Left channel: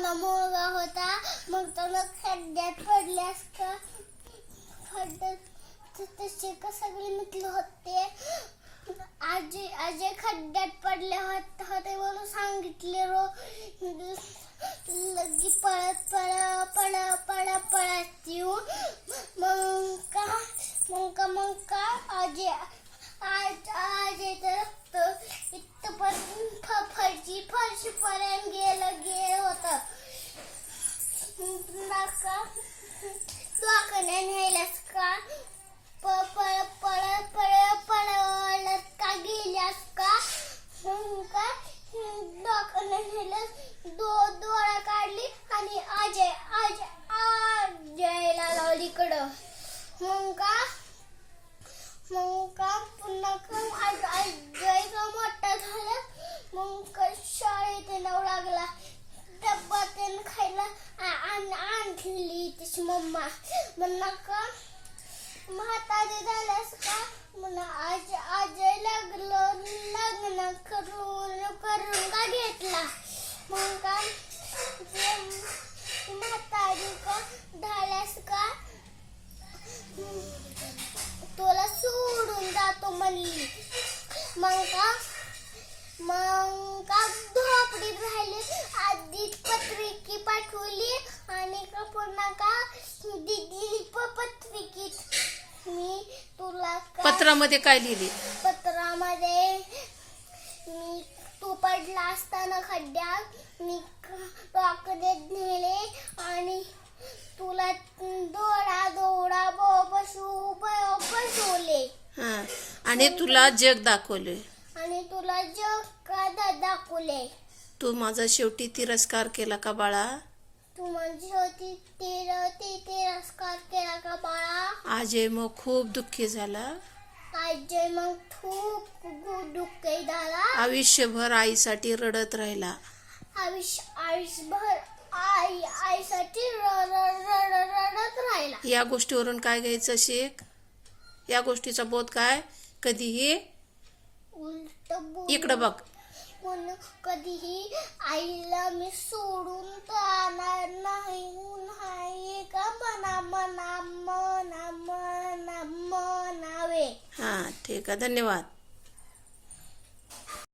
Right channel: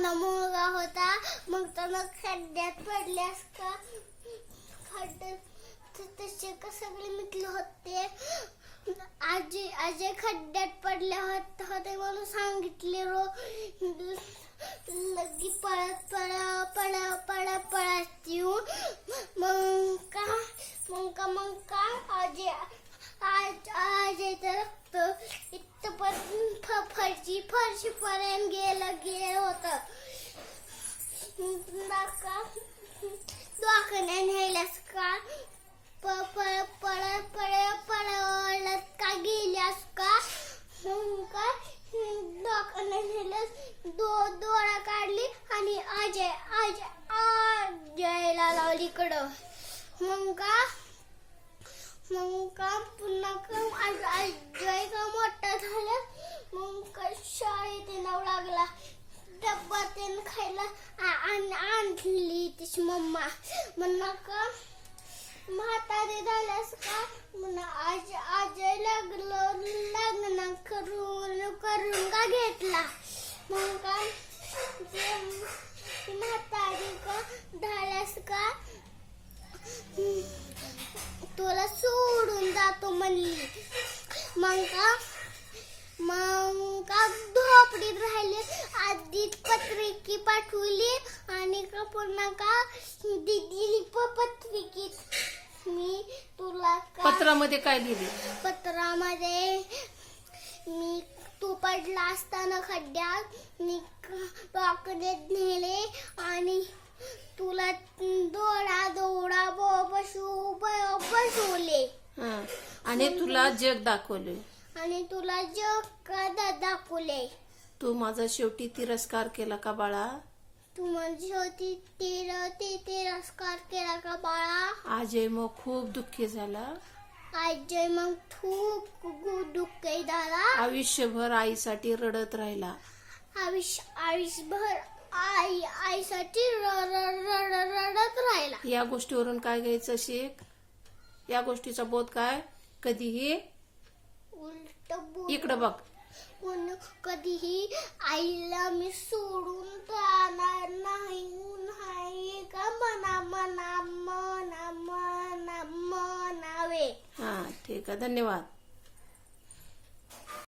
लहान मुलगा होता. मग त्याला खड्ड्यात पडल्यास का खड्ड्यात तसे का सगळे मिटले होते. आजी खड्ड्यात पडले होते म्हणून सांगितले. लगी पळत येऊन मग का आजी रक्त इथपर्यंत फरशीपर्यंत गेलं होतं. दवाखान्यात न्यायलास का पळत का गेल्यास का. मग का दवाखान्यात नेलं. डोळा काढली आणि आजीला लावली इकडं. मग का पुन्हा आजीला मोठा झाला. मग का शाळेत नाव लागला. डब्बा त्यानं खायला आणली तिची मम्मा. म्हणा का म्हातारी झाल्यास का म्हणा आजी लग्न करून का घेतला. मग का म्हातारी का झाल्यास का तुला सोडून जातो म्हणली. मग का झोपडीत राहिली. आधी पत्रिकी पाठवली आणि पुन्हा का दिदी पत्रिकेत मी तुला पत्रामध्ये काय लिहिली. पत्रामध्ये मी तू पडला असताना खड्ड्यात मी दवाखान्यात नेले आणि तुला दौडा बसवले आणि तुला जग दाखवले. दाखवले. तू माझा शेवटी तिरस्कार केला का बाळा. तू माझी शेवटी तिरस्कार केला का बाळा. आजय मग खूप दुःखी झाला. आजय मग खूप दुःखी झाला. आयुष्यभर आईसाठी रडत राहिला. आयुष्यभर आईसाठी रडत राहिला. या गोष्टीवरून काय घ्यायचं शिक. या गोष्टीचा बोध काय. कधीही उलट इकडं बघ. म्हणून कधीही आईला मी सोडून जाणार नाही का म्हणावे. ठीक आहे. धन्यवाद.